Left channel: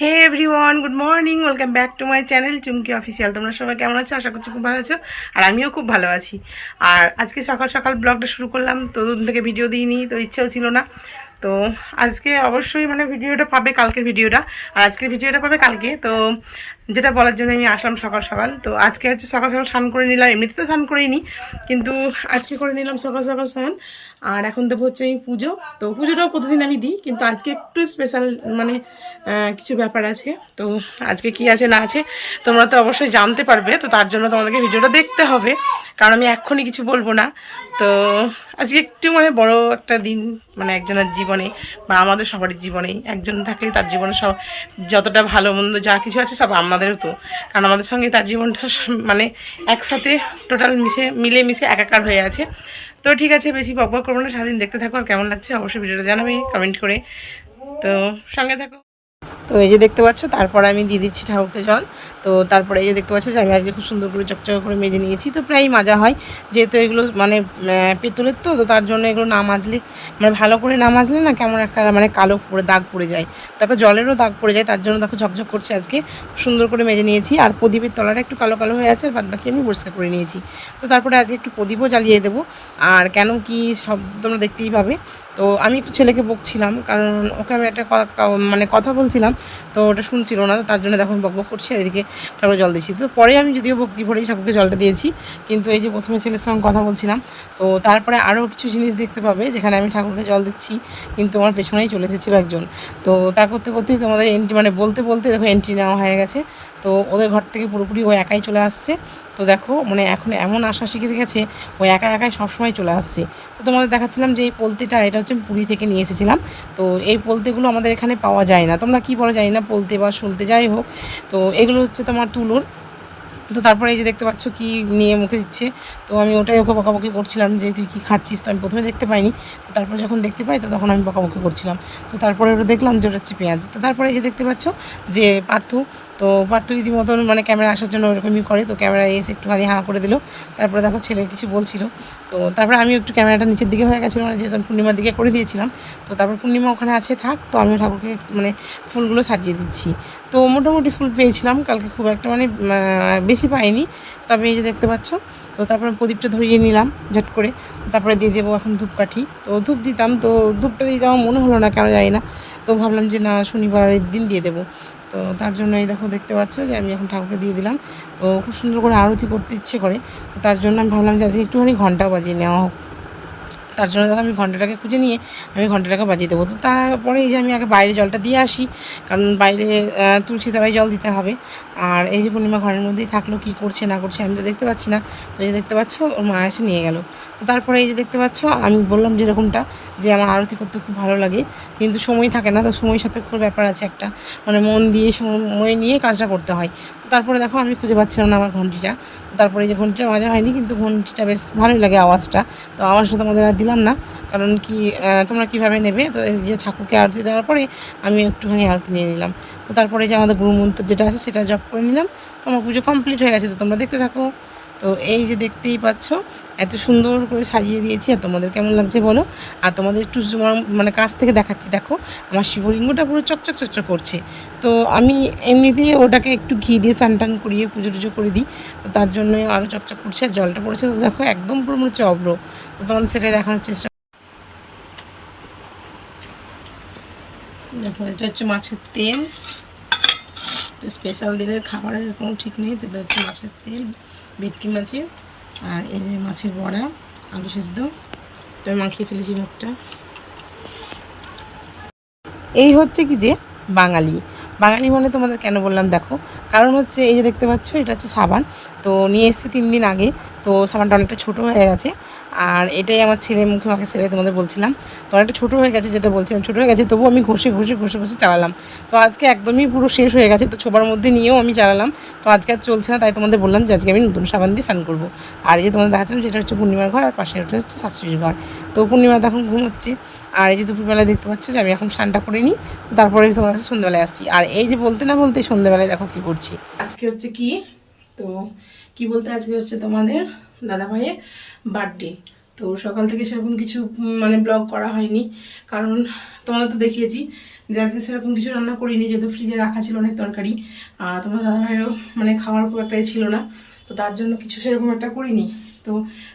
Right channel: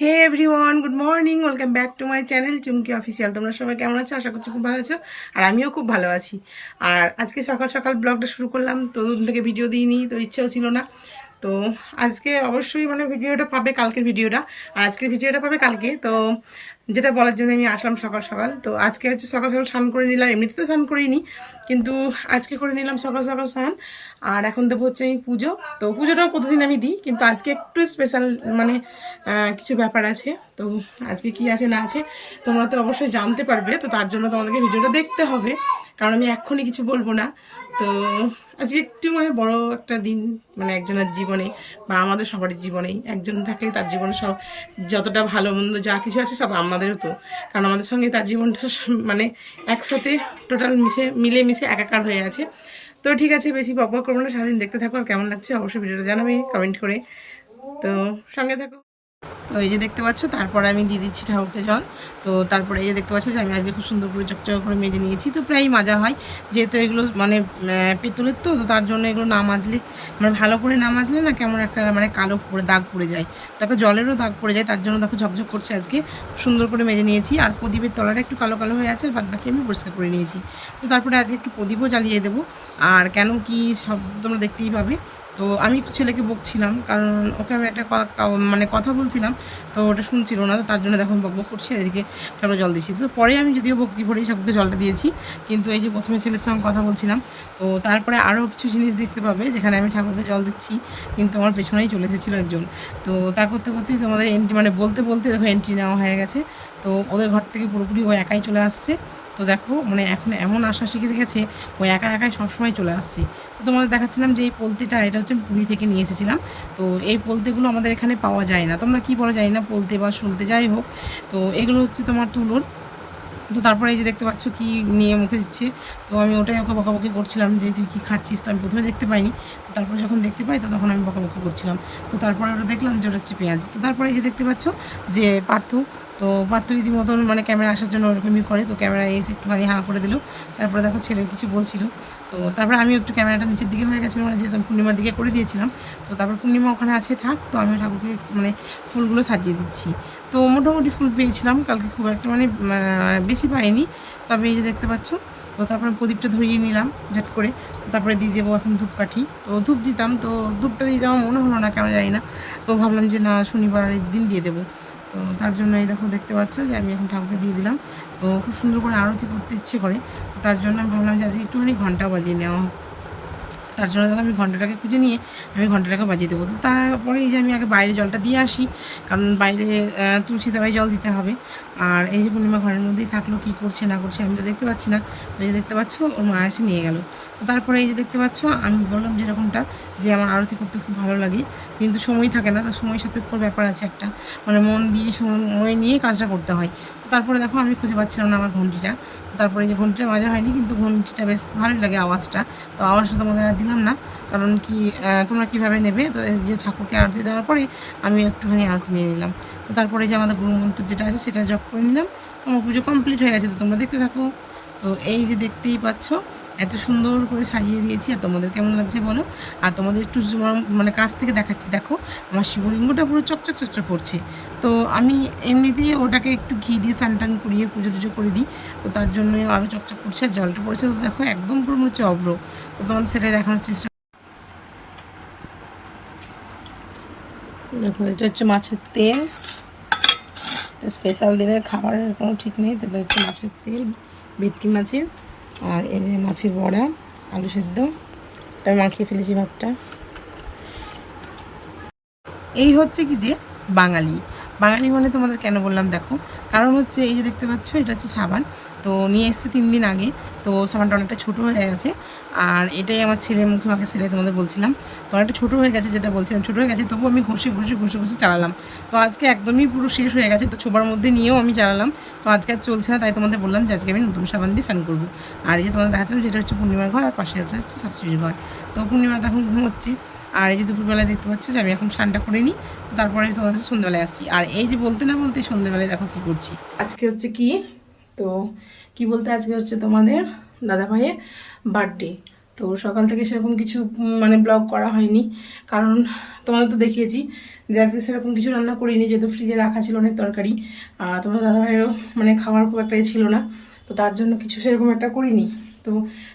Hey everyone, good morning, welcome back to my channel Chumki official. তোমরা সবাই কেমন আছো? আশা করছি খুব ভালো আছো, আর আমিও খুব ভালো আছি। আর আজকে সকাল সকাল ব্লগটা শুরু করলাম, তো দুদিন থেকে ভিডিও দিইনি, তো ইচ্ছেও ছিল না। তো আজকে অবশ্যই মানে ভিডিওটা পাবে কালকের ভিডিওটা, আর আজকের ভিডিওটা পাবে কালকে। তো যেটা বলার জন্য আমি আসলাম সকাল সকাল। তো আজকে হচ্ছে সকাল সকাল স্নান করে নিলাম, এমনিতে তো স্নান করেই নি, কিন্তু আজকে করে নিলাম সকাল সকাল স্নান। আর এখন দেবো হচ্ছে আমি পুজো। তো পুজোটাও প্রতিদিন আমি দিই, কিন্তু আজকে একটু স্পেশাল, মানে কিছু ব্যাপার আছে। তো আজকে কি আছে না আছে তোমরা তো অবশ্যই জানতে পারবে, তো তার জন্য তোমাদেরকে ভিডিওটা দেখতে হবে, কারণ আমি এক্ষুনি কিছু বলবো না। তো আজকে একটু মানে বড় একটা দিন, মানে একজনের জীবনে বা আমাদের সবারই জীবনেই একজন থাকলেই তার জীবনে সব যতটা ভালো মন্দ যা কিছু আছে সব আমাদেরও, তো কারণ আমাদের সঙ্গে তার জীবনটা মানে একসাথে টোটাল মিলেমিশে একাকার হয়ে আছে। তো ঠিক আছে, বেশি বক বক করবো না, সারাদিন দেখতে থাকো, আর কেমন লাগছে অবশ্যই ভিডিওটা জানাবে কমেন্ট করে। তো সঙ্গে থাকো। তো এই যে দেখতে পাচ্ছ, তারপরে আমি দিয়ে দিচ্ছি ঠাকুরকে জল। তো তারপরে এই যে দেখতে পাচ্ছ যে আমি আজকে খুব সুন্দর করে চকচক করে মেজে নিয়েছি। তো প্রায়ই মাজা হয়, যেহেতু এগুলো মানে পেতলের, তো তার জন্য এগুলো না মাজলে, মানে ভালো করে না মাজলে না কেমন একটা মানে কালো পড়ে দাগ পড়ে যায়, তারপর জলেরও দাগ পড়ে যায়। তার জন্য দেখো ঝকঝক করছে, আজকে সুন্দর করে মেজে নিয়েছি। আর প্রদীপের তলাটা একটু কালো কালো হয়ে আছে, আর বাদ বাকি আমি পরিষ্কার করে নিয়েছি। তো তারপরে আজকে একটু প্রদীপও জ্বালিয়ে দেবো। আর কেন কি সব তোমরা দেখতেই পাবে। তো আমি একটু ছেলেকে বকছিলাম, কারণ ওকে আমি একটা মানে কথা বলছিলাম, তো ওটা শুনছিল না, তো তার জন্য দেখো বকবক করছি, আর এদিকে ঠাকুর জল দিয়েছি। তো পরে আমি যদিও ভক্তি ভরেই ঠাকুরকে জলটা দিয়েছি, কিন্তু এই যে প্রথমে ছেলের সঙ্গে কথা বলছিলাম। তো তারপরে আরও কিছু জিনিস দেখতে পাবে যেখানে আমি ঠাকুরকে জল দিচ্ছি, কিন্তু আমার পেছনেই চলে এসেছিলো একজন। তো তা করতে করতেই তোমাদের এন্ট্রি, মানে বলতে বলতে দেখো এন্ট্রি নেওয়া হয়ে গেছে। তো ওদের ঘর থেকে পুরোপুরি ও একাই চলে আসছে। তো দেখো মানে এখন এমন আশা শিখে গেছে, ও একা একাই সবসময় চলে আসছে। তো তোমাদের দেখাচ্ছিলাম যে এই পোলতিটা, এটা হচ্ছে পুরী থেকে নিয়ে এসেছিলাম। তো এই পোলতেগুলো আমাদের এখানে পাওয়া যায় না, তোমরা কী বলো জানি না, পোলতে বা সলতে যাই হোক। তো এগুলো হচ্ছে তোমার তুলোর। তো তারপরে এই যে দেখতে পাচ্ছ কি নিয়ে মুখে দিচ্ছে। তো আমি ওটাই ওকে বকাবকি করছিলাম যে তুই কী খাচ্ছিস। তো আমি প্রথমে দেখতে পাইনি, তো তারপরে যখন দেখতে পাই তো তখন আমি বকাবকি করছিলাম। তো তারপরে ওটা দেখলাম যে ওটা হচ্ছে পেঁয়াজ। তো তারপরে এই যে দেখতে পাচ্ছ যে পার্থ, তো পার্থ রীতিমতন মানে ক্যামেরা আসার জন্য ওরকমই করে, তো ক্যামেরা এসে একটুখানি হাঁ করে দিল। তারপরে দেখো ছেলে কিছু বলছিল। তো তারপরে আমি একটু ক্যামেরাটা নিচের দিকে হয়ে গেছিলো, মানে যেহেতু আমি পূর্ণিমার দিকে করে দিয়েছিলাম। তো তারপর পূর্ণিমা ওখানে আছে থাক, তো আমি ঠাকুরকে মানে ফুলগুলো সাজিয়ে দিচ্ছি। তো মোটামুটি ফুল পেয়েছিলাম কালকে, খুব একটা মানে বেশি পাইনি, তবে এই যে দেখতে পাচ্ছ। তো তারপরে প্রদীপটা ধরিয়ে নিলাম ঝট করে। তারপরে দিয়ে দেবো এখন ধূপকাঠি। তো ধূপ দিতাম, তো ধূপটা দিতে আমার মনে হলো না, কেন জানি না। তো ভাবলাম যে না, শনিবারের দিন দিয়ে দেবো। তো তার জন্য এই দেখো দেখতে পাচ্ছ যে আমি এখন ঠাকুরকে দিয়ে দিলাম। তো খুব সুন্দর করে আরতি করতে ইচ্ছে করে, তো তার জন্য আমি ভাবলাম যে আজকে একটুখানি ঘন্টা বাজিয়ে নেওয়া হোক। তার জন্য দেখো আমি ঘন্টাটাকে খুঁজে নিয়ে আমি ঘন্টাটাকে বাজিয়ে দেবো। তো তারপরে এই যে আমি আগে বাইরে জলটা দিয়ে আসি, কারণ বাইরে তুলসী তলায় জল দিতে হবে। আর এই যে পূর্ণিমা ঘরের মধ্যেই থাকলো, কী করছে না করছে আমি তো দেখতে পাচ্ছি না। তো এই যে দেখতে পাচ্ছ ওর মা এসে নিয়ে গেল। তো তারপরে এই যে দেখতে পাচ্ছ আমি বললাম যেরকমটা, যে আমার আরতি করতে খুব ভালো লাগে, কিন্তু সময় থাকে না। তো সময় সাপেক্ষ ব্যাপার আছে একটা, মানে মন দিয়ে সময় নিয়ে কাজটা করতে হয়। তারপরে দেখো আমি খুঁজে পাচ্ছিলাম না আমার ঘন্টিটা। তারপরে এই যে ঘন্টিটা মাজা হয়নি, কিন্তু ঘন্টিটা বেশ ভালোই লাগে আওয়াজটা। তো আওয়াজটা তোমাদের আর দিলাম না, কারণ কি তোমরা কীভাবে নেবে। তো এই যে ঠাকুরকে আরতি দেওয়ার পরে আমি একটুখানি আরতি নিয়ে নিলাম। তো তারপরে যে আমাদের গুরুমন্ত্র যেটা আছে সেটা জপ করে নিলাম। তো আমার পুজো কমপ্লিট হয়ে গেছে, তো তোমরা দেখতে থাকো। তো এই যে দেখতেই পাচ্ছ এত সুন্দর করে সাজিয়ে দিয়েছি, আর তোমাদের কেমন লাগছে বলো। আর তোমাদের একটু মানে কাছ থেকে দেখাচ্ছি, দেখো আমার শিবলিঙ্গটা পুরো চকচক চকচক করছে। তো আমি এমনিতেই ওটাকে একটু ঘি দিয়ে স্নান টান করিয়ে পুজো টুজো করে দিই, তো তার জন্যই আরও চকচক করছে। আর জলটা পড়েছে, তো দেখো একদম পুরো মনে হচ্ছে অব্র। তো তোমাদের সেটাই দেখানোর চেষ্টা। দেখো এটা হচ্ছে মাছের তেল, স্পেশাল দিনের খাবারের কোনো ঠিক নেই। তো এটা হচ্ছে মাছের তেল, ভেটকি মাছের। আর এই যে মাছের বড়া, আলু সেদ্ধ, এটা মাখিয়ে ফেলেছি ভাতটা। এই হচ্ছে কি যে বাঙালি, বাঙালি মানে তোমাদের কেন বললাম দেখো, কারণ হচ্ছে এই যে দেখতে পাচ্ছ এটা হচ্ছে সাবান। তো নিয়ে এসছে 3 দিন আগে। তো সাবানটা অনেকটা ছোটো হয়ে গেছে, আর এটাই আমার ছেলে মুখে মাখে ছেলে তোমাদের বলছিলাম। তো অনেকটা ছোটো হয়ে গেছে, যেটা বলছিলাম ছোটো হয়ে গেছে, তবুও আমি ঘষে ঘষে ঘষে ঘষে চালালাম। তো আজকে একদমই পুরো শেষ হয়ে গেছে, তো ছোবার মধ্যে নিয়েও আমি চালালাম। তো আজকে আর চলছে না, তাই তোমাদের বললাম যে আজকে আমি নতুন সাবান দিয়ে স্নান করবো। আর এই যে তোমাদের দেখাচ্ছিলাম যেটা হচ্ছে পূর্ণিমার ঘর, আর পাশে হচ্ছে শাশুড়ির ঘর। তো পূর্ণিমা তখন ঘুমোচ্ছে। আর এই যে দুপুরবেলায় দেখতে পাচ্ছ যে আমি এখন স্নানটা করে নিই, তো তারপরে তোমার কাছে সন্ধ্যাবেলায় আসছি। আর এই যে বলতে না বলতে সন্ধ্যাবেলায় দেখো কী করছি। আজকে হচ্ছে কি, তো কি বলতে আজকে হচ্ছে তোমাদের দাদা ভাইয়ের বার্থডে। তো সকাল থেকে সেরকম কিছু মানে ব্লগ করা হয়নি, কারণ তোমাদের তো দেখিয়েছি যে আজকে সেরকম কিছু রান্না করিনি, যেহেতু ফ্রিজে রাখা ছিল অনেক তরকারি। তোমার দাদাভাইয়েরও মানে খাওয়ার খুব একটা ছিল না, তো তার জন্য কিছু সেরকম একটা করিনি। তো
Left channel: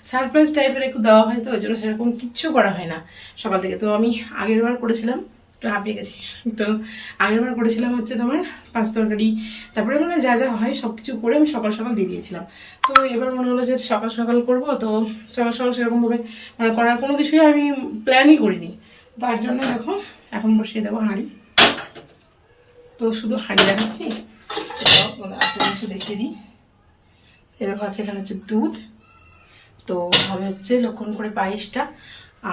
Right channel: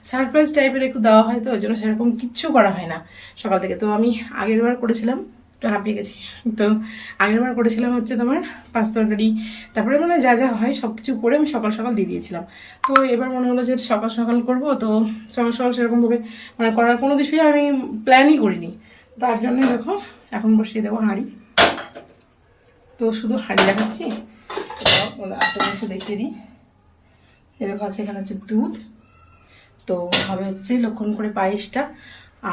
সারপ্রাইজ টাইপের একটু দেওয়া হয়, তো ওই জন্য সেরকম কিচ্ছু করা হয় না সকাল থেকে। তো আমি আগের বার করেছিলাম, একটু হাঁপিয়ে গেছি, তো আগের বার করেছিলাম হচ্ছে তোমার 5 তরকারি, তারপরে মানে যা যা হয় সব কিছু করে আমি সকাল সকাল দিয়ে দিয়েছিলাম। তো এবার মনে হলো যে সকাল সকাল করবো, তো সকাল সকাল সেরকমভাবে মানে করার কোনো কিছুই আমি প্ল্যানই করিনি। তার জন্য দেখো এখন বসিয়ে দেবো হাঁড়ি। তো শুধু হাঁড়ি দেখাচ্ছি, একটা জিনিস দেখিয়ে দিই। এরকম আছে, এখানে হচ্ছে দুধ, তো হবে হচ্ছে লক্ষণ করে পায়েসটা।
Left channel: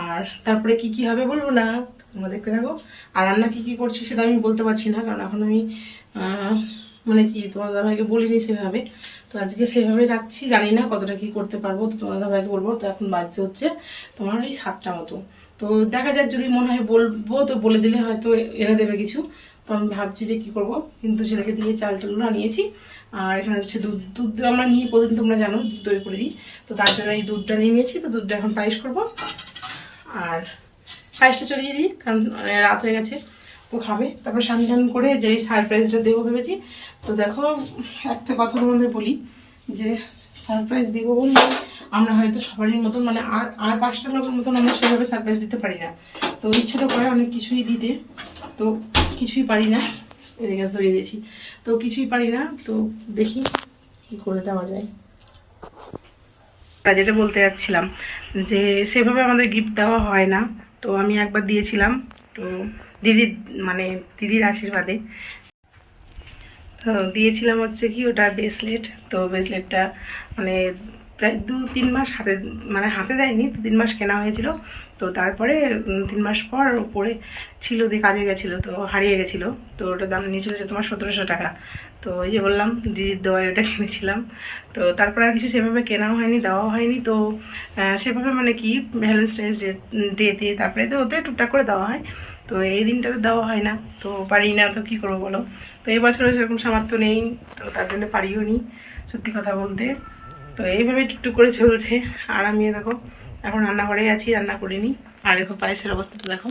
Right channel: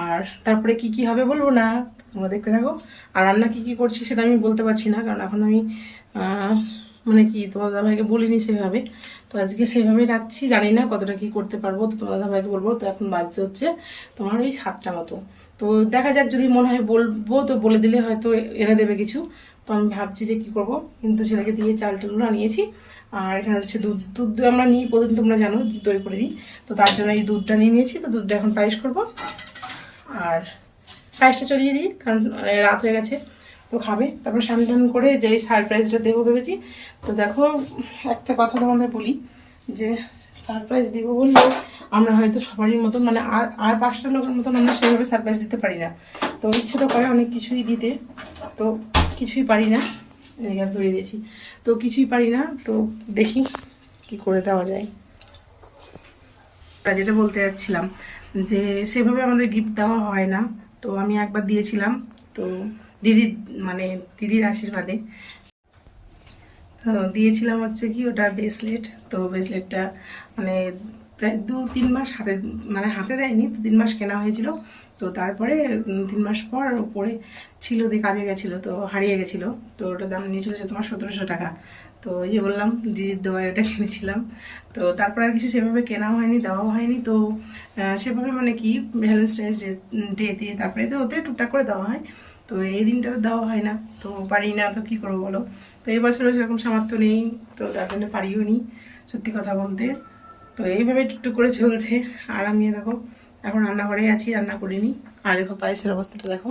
আর তারপরে কি কি হবে বলবো না, তোমরা দেখতে থাকো। আর রান্না কি কি করছি সেটা আমি বলতে পারছি না, কারণ এখন আমি মানে কি তোমার দাদাভাইকে বলিনি সেভাবে, তো আজকে সেভাবেই রাখছি। জানি না কতটা কি করতে পারবো, তো তোমার দাদাভাইকে বলবো। তো এখন বাজতে হচ্ছে তোমার ওই 7টা মতো, তো দেখা যাক, যদি মনে হয় বলবো তো বলে দিলে হয়তো এনে দেবে কিছু। তো আমি ভাবছি যে কী করবো, কিন্তু ছেলেকে দিয়ে চাল টালগুলো আনিয়েছি। আর এখানে হচ্ছে দুধ আমরা নিই প্রতিদিন, তোমরা জানো দই করে দিই, তো তার জন্য এই দুধটা নিয়ে নিয়েছি। তো দুধটা এখন পায়েস করবো, আর পায়েসটা চড়িয়ে দিই কারণ রাত হয়ে গেছে, তো খাবে। তারপর স্নান টান করে যে সারপ্রাইজটা দেবো ভেবেছি। তো দেখো একটা কথা তোমাদের বলি, যে সারপ্রাইজ দিব বললে আমরা হয়তো সবারই মতন মানে আর 5টা লোকের মতন আমরা সেভাবে সারপ্রাইজ দিতে পারি না। তো ইচ্ছে তো করে অনেক কিছুই দিতে, তো কিছুই পারি না। এদিকে ধরিয়ে দিয়েছি, তো কিছুই পারি না। তো দেখি কি করে দেওয়া যায়। যেটা বলতে যাচ্ছিলাম, যে সেভাবে আমাদের গিফট দেওয়া হয় না। তো আমি একবার দিয়েছিলাম, তো দিদির আশীর্বাদে তো দিয়েছিলাম হচ্ছে কি ওটা ব্রেসলেট। তো ব্রেসলেটটা মানে প্রায় 2-3 মাস হাতে দেয়নি, 2-3 মাস কেনা হয়েছিল। তো তারপরে 3 মাস পর ওপরে ছিল, দিয়ে কাজে গেছিলো, তো হারিয়ে গেছিলো। তো ওটার দাম নিয়েছিল যে তোমার 1700 টাকা। তো ওই যে বললাম দিদির দোয়ায় ওটা কিনেছিলাম। তো তারপরে আর কিছু সেভাবে কেনাও হয়নি, দেওয়াও হয়নি। তো সেভাবে মানে কি ভ্যালেন্টাইন্স ডেতে তারপরে তো ওতে টুকটাক করে দেওয়া হয়, তো এই দিনটাতে দেওয়া হয় না। তো পারি না, তো কী করবো বলো। তো এই বছরও সেরকম সামর্থ্য নেই, তো তার জন্য পারিও নি সত্যি কথা বলতে। তো এইভাবে টুকটুক করে চলছে। আর আমি দেখো এখন রান্নাঘরেই আছি, রান্না করিনি। আর দেখো পায়েসের অবস্থাটা দেখো,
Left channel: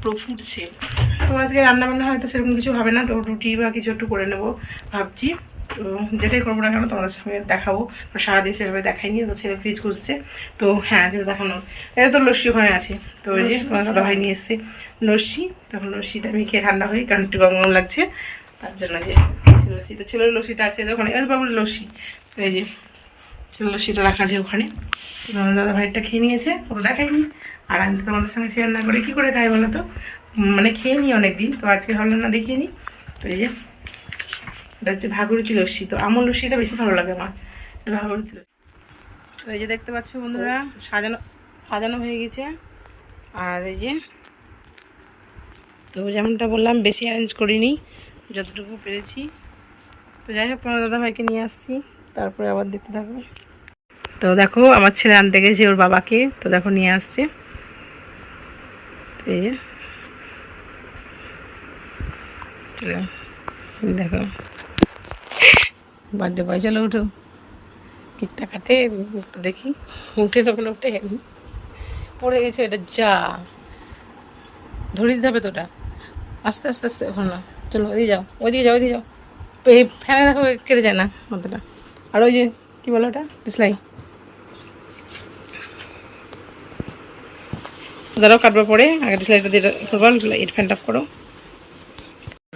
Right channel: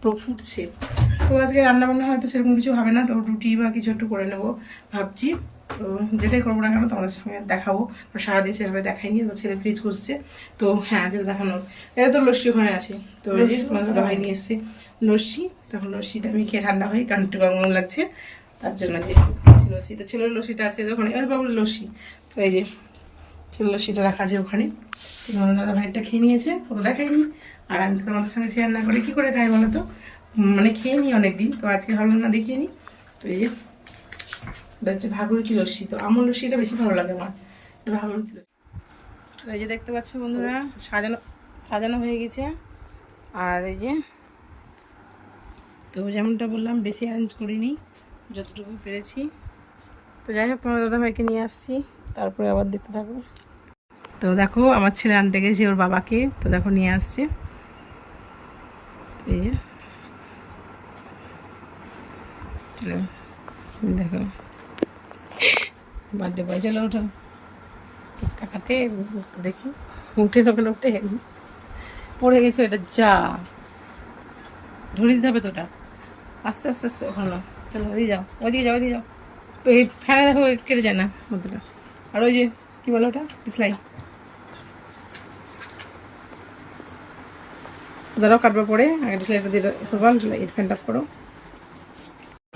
পুরো ফুটছে। তো আজকে রান্নাবান্না হয়তো সেরকম কিছু হবে না, তো রুটি বা কিছু একটু করে নেবো ভাবছি। তো যেটাই করবো না কেন তোমাদের সঙ্গে দেখাবো, সারাদিন সেভাবে দেখাইনি। তো ছেলে ফ্রিজ করছে, তো হ্যাঁ যেটা দেখানো, এটা তো লস্যি ওখানে আছে। তো ওই যে তোমার দাদাভাই নিয়ে এসছে লস্যি, তখন লস্যিটা আমি খেয়ে ঠান্ডা হই, কারণ একটু গরম লাগছে, তার জন্য যে লস্যি। তো ছেলের লস্যিটা আছে ওখানে, বাবুর লস্যি, তো এই যে ছেলের লস্যিটা রাখা আছে ওখানে। তো তোমার দাদাভাইটা খেয়ে নিয়েছে, কত দেখাইনি। আর আমি তো তোমাদের সঙ্গে শেয়ার না করে কী করে খাই বলো তো, মানে খেয়ে নিই অনেকদিন, তো আজকে ভাবলাম না দেখিয়ে নিই। তো এই যে এটা হচ্ছে ভাগীরথী লস্যি, তো আমুল লস্যিটা বেশি ভালো লাগে আমার, ভাগীরথী লস্যি। তো এই যে দেখতে পাচ্ছ বন্ধুরা, সাজানো হয়ে গেছে। আর এই যে তো যেমনটা বললাম বেশি অ্যারেঞ্জ করিনি, যতটুকু পেরেছি। তো যাই হোক তোমার দাদাভাইকে নিয়ে আসছি, তারপরে আবার দেখতে থাকবো। তো দেখো আমার ছেলে আনতে গেছে ওর বাবাকে, তো দেখো নিয়ে আসছে। এই যে দেখো বার্থডে বয়, চলো উঠো, কেকটা কাটে দেখি, উঠে তখন উঠে পড়ে গেছে এটা, যা ধরে দিতে হবে তো ওটা, আস্তে আস্তে আস্তে ওখানে চলো, ওইদিকে যাও, ওইদিকে যাও, ওইদিকে যাও। এই ফ্যানে দেখো কেটে যায় না মাথাটা। আর ওই যে কী বলো ওটা, ডিসলাই, দাঁড়াও কাটবার পরে আগে ডিসলাইটা দিয়ে করবো, এর ফ্যানটা করো।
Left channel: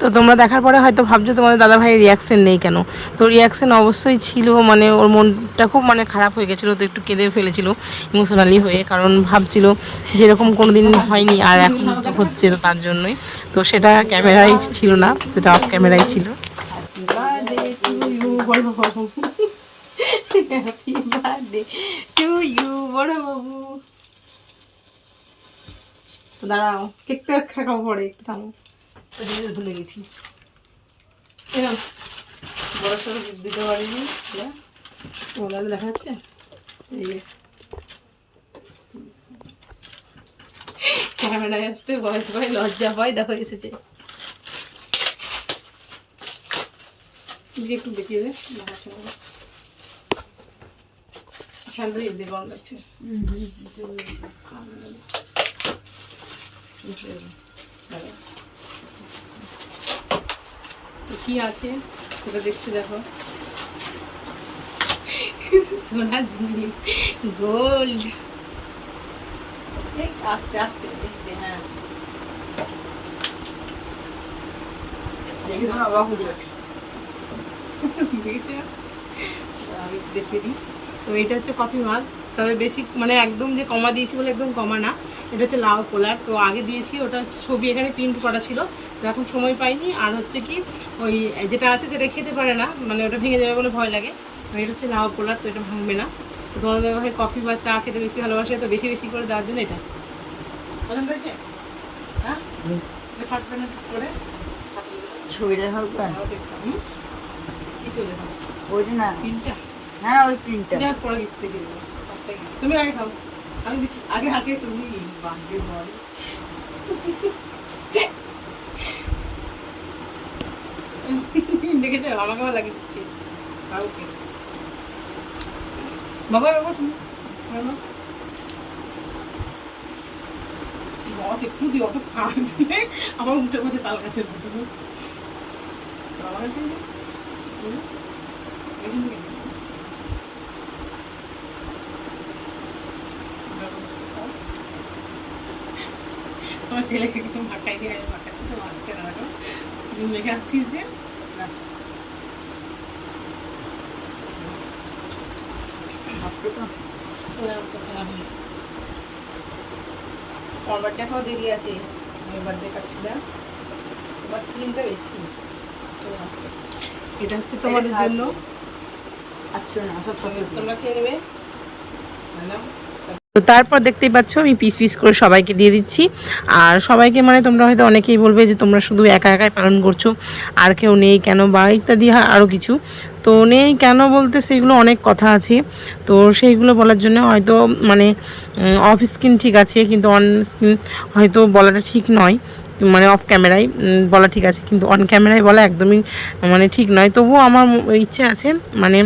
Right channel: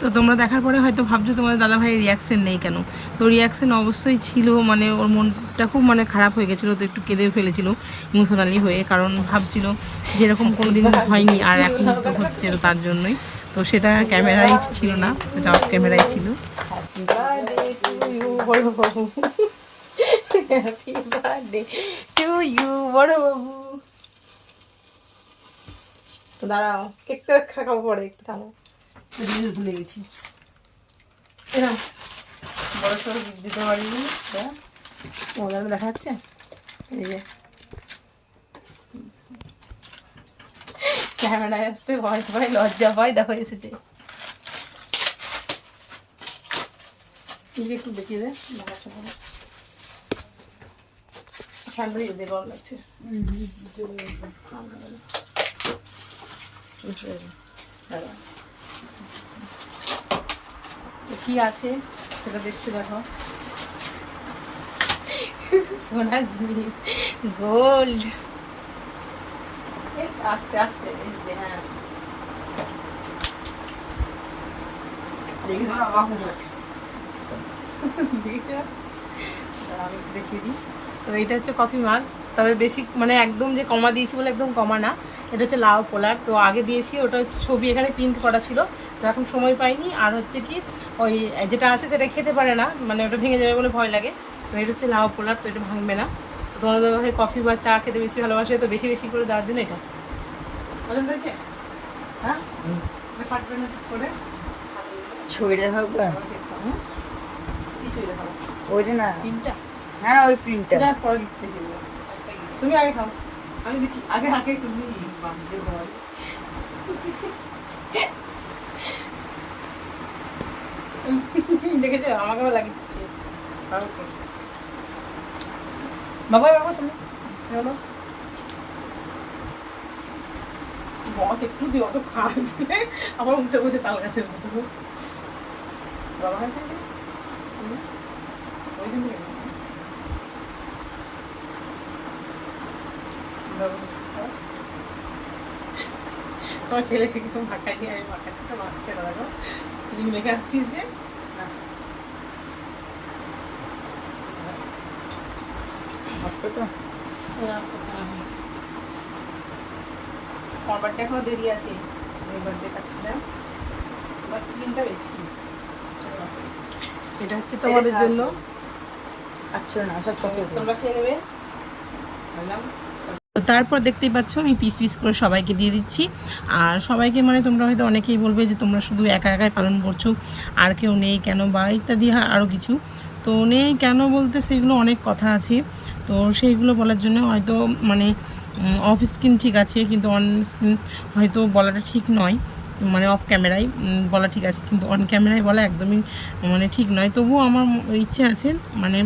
তো তোমরা দেখার পরে হয়তো ভাবছো তোমাদের দাদাভাইয়ের রিয়াকশান নেই কেন, তো রিয়াকশান অবশ্যই ছিল, মানে ওর মনটা খুব মানে খারাপ হয়ে গেছিলো, তো একটু কেঁদে ফেলেছিল ইমোশনালি হয়ে, কারণ ভাবছিল যেরকম কোনো দিন হয়নি আর এখন তো হচ্ছে, তো তার জন্যই। তো সেটা ক্যামেরায় ছিল না, সেটা অফ ক্যামেরায় ছিল। দাঁড়াও কেকটা খাওয়া পরে একটু থামো, ভুলে গেছি। বয়স দিতে পারিনি, মোবাইল দেখা যাচ্ছে, এই যে ক্যামেরায় আসতে ভয় পায়, লজ্জা পায়, দেখো এসেছে। একটু দেখিয়ে দে, দেখাচ্ছে না ঠান্ডা দিয়ে গরম লাগছে। কি আছে সেটা দেখছি, দেখো সোনার জিনিস, গোল্ড। আস্তে আস্তে দেখতে, হ্যাঁ দেখে তো অবাক হয়ে যাবে। আমি দেখিয়ে দিই। তো এটা হচ্ছে কফি মাগ, তবে বেশি মানে একদম যে কমা দিয়েছি বলে একদম কমা না, এটা হচ্ছে লাউ পোলার। তো আগে দিয়েছি ওটা হচ্ছে ছবি এখানে প্রিন্ট করা ছিল, তো এখন সময় পাইনি। আর হচ্ছে কি ওই যেটা আছে সেটা খেতে পারে না, মানে ওটা ভেঙে যাবে বলে ভয় লাগে। তো এটা হচ্ছে লাউ পোলার, তো এটা ভাঙবে না। তো তোমার দাদা ভাই কফি বা চা খেতে বেশি ভালোবাসে, তো বেশি বেশি করে দেওয়ার জন্য এটা আনন্দ হয়েছে। হ্যাঁ ফাটবে না করে ছবিটা থাকবে কিছুই দেখো ওইটা না, প্রিন্টটা। হ্যাঁ ওই প্রিন্টটা যা পরে দেখতে গেল, তুমি আগে খাও, আমি দিচ্ছি আগে হাতে। তুমি বাঁধবে বল দেখেছো আমাকে আমার লাগিয়ে দিচ্ছে। বাবা বাবা সামনে মত একটু দিও, অত খাওয়াই দিলে আমার উল্টে বসে তাল গাছের বাবা না খেয়ে তোমার ছেলেকে মাখাই দিয়ে আমি মাখাচ্ছি, তো মাখছে না দেখো তুমি মেখে আসছিস যে আমার বার্থডে এখনো দেরি আছে, আমি বার্থডে খাচ্ছি না, এবার ক্রিমটা বেশি। এটা হচ্ছে তোমাদের জন্য, আচ্ছা না সব তোমরা খেয়ে নেবে। তো তারপর দেখতেই পাচ্ছ আমি পিস পিস করে সবাইকে দিয়ে দিচ্ছি। আর সবাইকে মানে তোমরা হয়তো অনেকেই বলবে যে তোমরা শুধু একা একাই পালন করছো, আর কেউ নেই কেন বা ইত্যাদি আরও কিছু। তো নেই কেন বলতে সেগুলো অনেক কথা আছে, তো সেইগুলো বলার জন্য হয়তো মানে অফ স্ক্রিন ঠিক আছে, কিন্তু অন স্ক্রিন হয়তো বলাটা ঠিক নয়। মানে অফ ক্যামেরায় বলা ঠিক আছে, কিন্তু অন ক্যামেরায় বলা একদমই মানে ঠিক নয়। তবুও আমার ইচ্ছে আছে মানে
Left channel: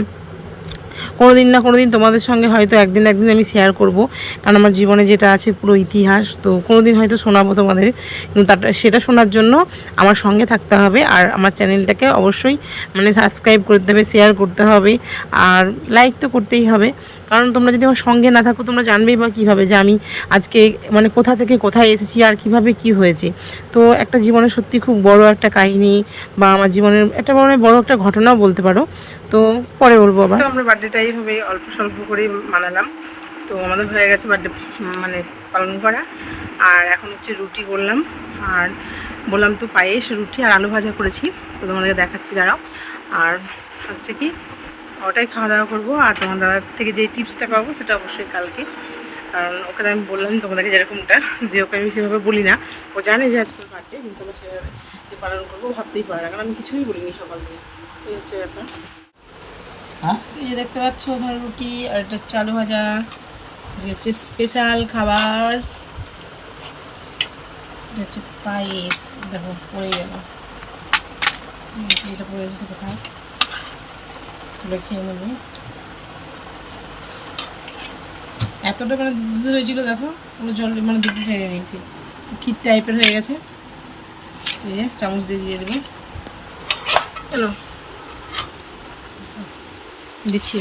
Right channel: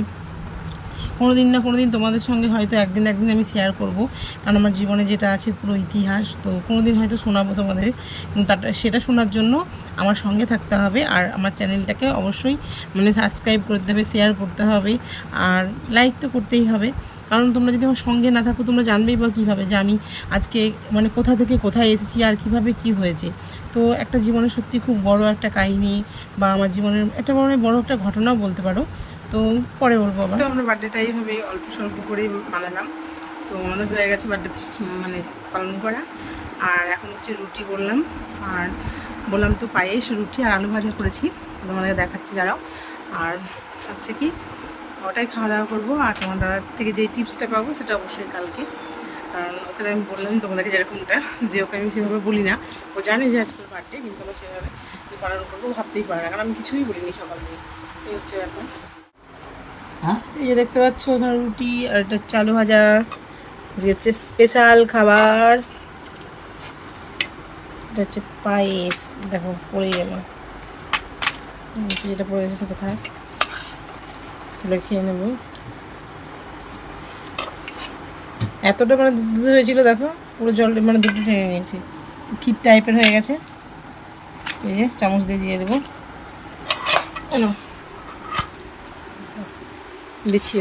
কোনো দিন না কোনো দিন তোমাদের সঙ্গে হয়তো একদিন আমি শেয়ার করব, কারণ আমার জীবনে যেটা আছে পুরো ইতিহাস, তো কোনো দিন হয়তো শোনাবো তোমাদের। কিন্তু সেটা শোনার জন্য আমার সঙ্গে থাকতে হবে, আর আমার চ্যানেলটাকে অবশ্যই মানে সাবস্ক্রাইব করতে হবে, শেয়ার করতে হবে, আর লাইক তো করতেই হবে। কারণ তোমরা যদি আমার সঙ্গে না থাকো তোমরা জানবেই বা কীভাবে যে আমি আজকে মানে কোথা থেকে কোথায় এসেছি আর কিভাবে কি হয়েছে। তো একটা জীবনে সত্যি খুব বড় একটা কাহিনী, বা আমার জীবনের একটা বড় একটা ঘটনাও বলতে পারো। তো পরে বলবো আবার। তো আমরা বার্থডেটা এইভাবে অল্প স্বল্প করে মানালাম। তো আমাদের হয়ে গেছে বার্থডে মানে পালন করা। আর এখন হচ্ছে রুটি করলাম, আর বললাম তো পায়েস, রুটি আর আলু ভাজা করেছি, তো তোমাদেরকে দেখাচ্ছি দাঁড়াও। আর হচ্ছে কি ওটাই খাওয়া দাওয়া করবো। আর তোমার দাদার থেকে যে টিপসটা পাবো সেটা অবশ্যই কালকে, কারণ ওকে আমি বললাম তোমাদেরকে যেরকমটা, যে ওকে আমি সেভাবে বলি না, ও জানে যে আজকের বার্থডে, কিন্তু আমরা সেভাবে যে পালন করবো ভাবতেই পারে না, কারণ আমি কিছুই বলিনি সকাল থেকে। এই হচ্ছে ব্যাপার। হ্যাঁ এই যে দেখতে পাচ্ছ ওখানে রুটি, আর এটা চালু ভাজা, যে হচ্ছে স্পেশাল খাবার, এটা হচ্ছে পায়েস। দেখো পড়ে গেল, যেটা পড়েছে সেটা থাক, তুলে খেয়ে নেবো। এতটা মানে দুধ হয়েছিল দেখো, পুরো জল মানে দুধটা টেনে নিয়েছি, ক্ষীর টাইপের হয়ে গেছে। এই যে চামচ দিয়ে দেবো, কেন দিচ্ছি।